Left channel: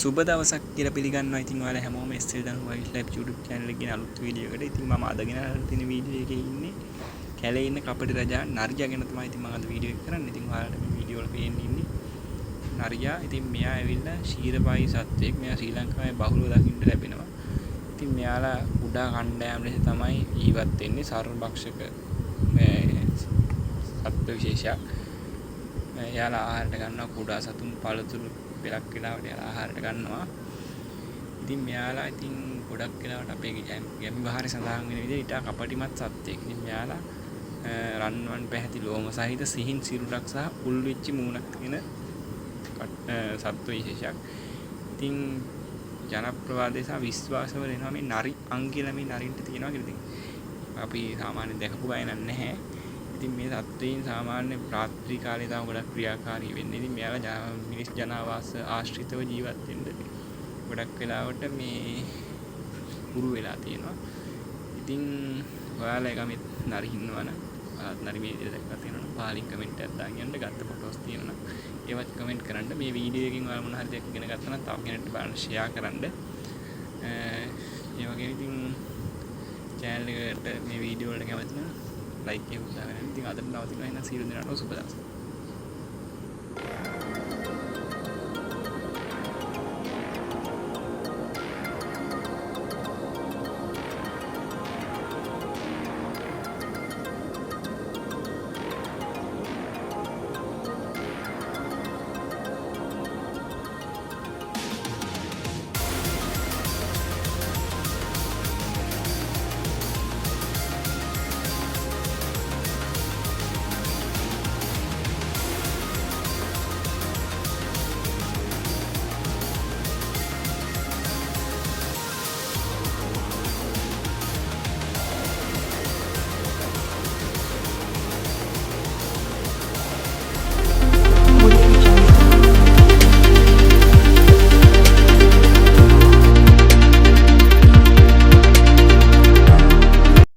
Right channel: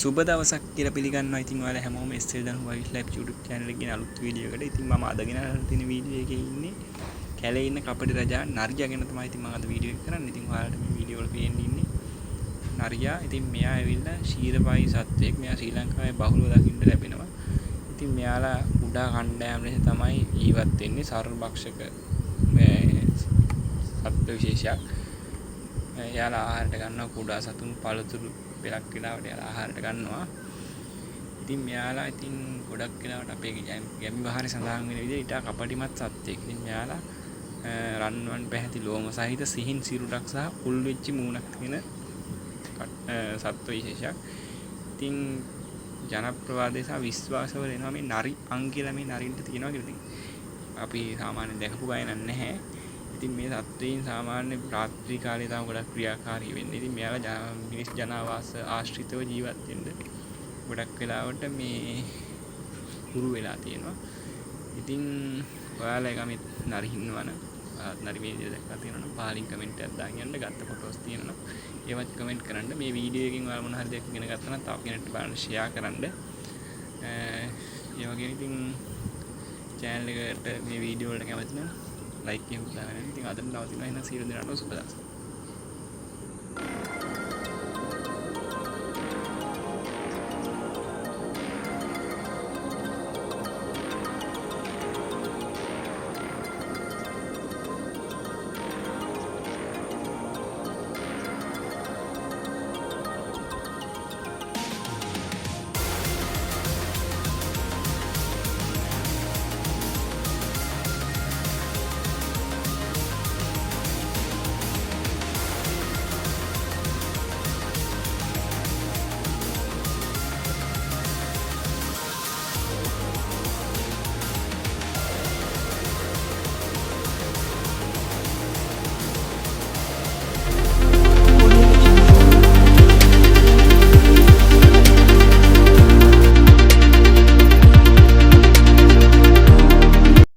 සුබ දවසක් කියලා පිළිගන්නවා. ඉතින් ඔයාලා හැමෝම SL දන් වයිස් ලයිෆ් YouTube channel එකේ අලුත් වීඩියෝ එකකට. ඉතින් මම අද ගෙනල්ලා තියෙන වීඩියෝ එකේ ඉන්නේ කැලේ ඉන්න කපටි රජා නරියා ගැන තමයි ඉතින් මම අද වීඩියෝ එක කරන්නේ. ඉතින් ඔයාලට මේ වීඩියෝ වල පේන්න ඉන්නේ නරියා. ඉතින් මෙයා ඇවිල්ලා ශීරපායි සත්වයෙක්. මෙයා ශ්‍රී ලංකාවේ බහුලව දකින්න ලැබෙනවා. ඉතින් මෙයාලා කුඩා කණ්ඩායම් ලෙස තමයි ජීවත් වෙන්නේ. සර්වභක්ෂක සත්ව විශේෂයක්. එයාලා ආහාරයට ගන්නවා කුඩා සතුන් පළතුරු පෙලක් වෙලාවට එයාලා ආහාරයට ගන්නවා. ඉතින් මෙයාලා ඉතින් ගොඩක් වෙලාවට අපේ ගැමි විහාරේ සඳහන් වෙන විදිහට ඊට කපටිමත් සත්වයෙක්. ඉතින් මෙයාලා රන්වන් පැහැති ලෝම සහිත සිහින් සිරුරක් සහ උල් වෙච්ච මූණක් තියෙන සත්ව විශේෂයක්. ඉතින් ජනප්‍රවාදයේ සහ විශ්වාසවල එනවා මේ නරි අං කියලා මේ නරින්ට තියෙනවා කියලා. ඉතින් අපි සාමාන්‍යයෙන් දැකපු ගායන නැහැ. ඉතින් මේ සත්වයින් සාමාන්‍ය රාත්‍රී කාලේ තමයි ගොඩක් ක්‍රියාකාරී වෙන්නේ. ඉතින් මෙයාලා මිනිස් ජනාවාස ආශ්‍රිතව ජීවත් වෙන්න ගොඩක් වෙලාවට මේ හුරු වෙලා තියෙනවා. ඉතින් ඔයාලා ගමෙත් නරි ඉන්නවනම් ඔයාලත් නරි මේ විදිහට දැක්කලා තියෙනවනම් පහලින් කමෙන්ට් එකක් දාන්න යන්න. ගත්ත ෆොටෝස් තියෙනවනම් ඒවත් කමෙන්ට් කරන්න. මේ වීඩියෝ එකකින් ඔයාලා මොන හරි දෙයක් ඉගෙන ගත්තා නම් තව කෙනෙක්ට බලන්න ෂෙයා කරන්න. ඒ වගේම ඉතින් channel එකට මේ වීඩියෝ වලට කැමති නම් ලයික් එකක් දාගන්න. ඉතින් අදට නවතිනවා. එහෙනම් සියලු දෙනාටම සුබ දවසක්.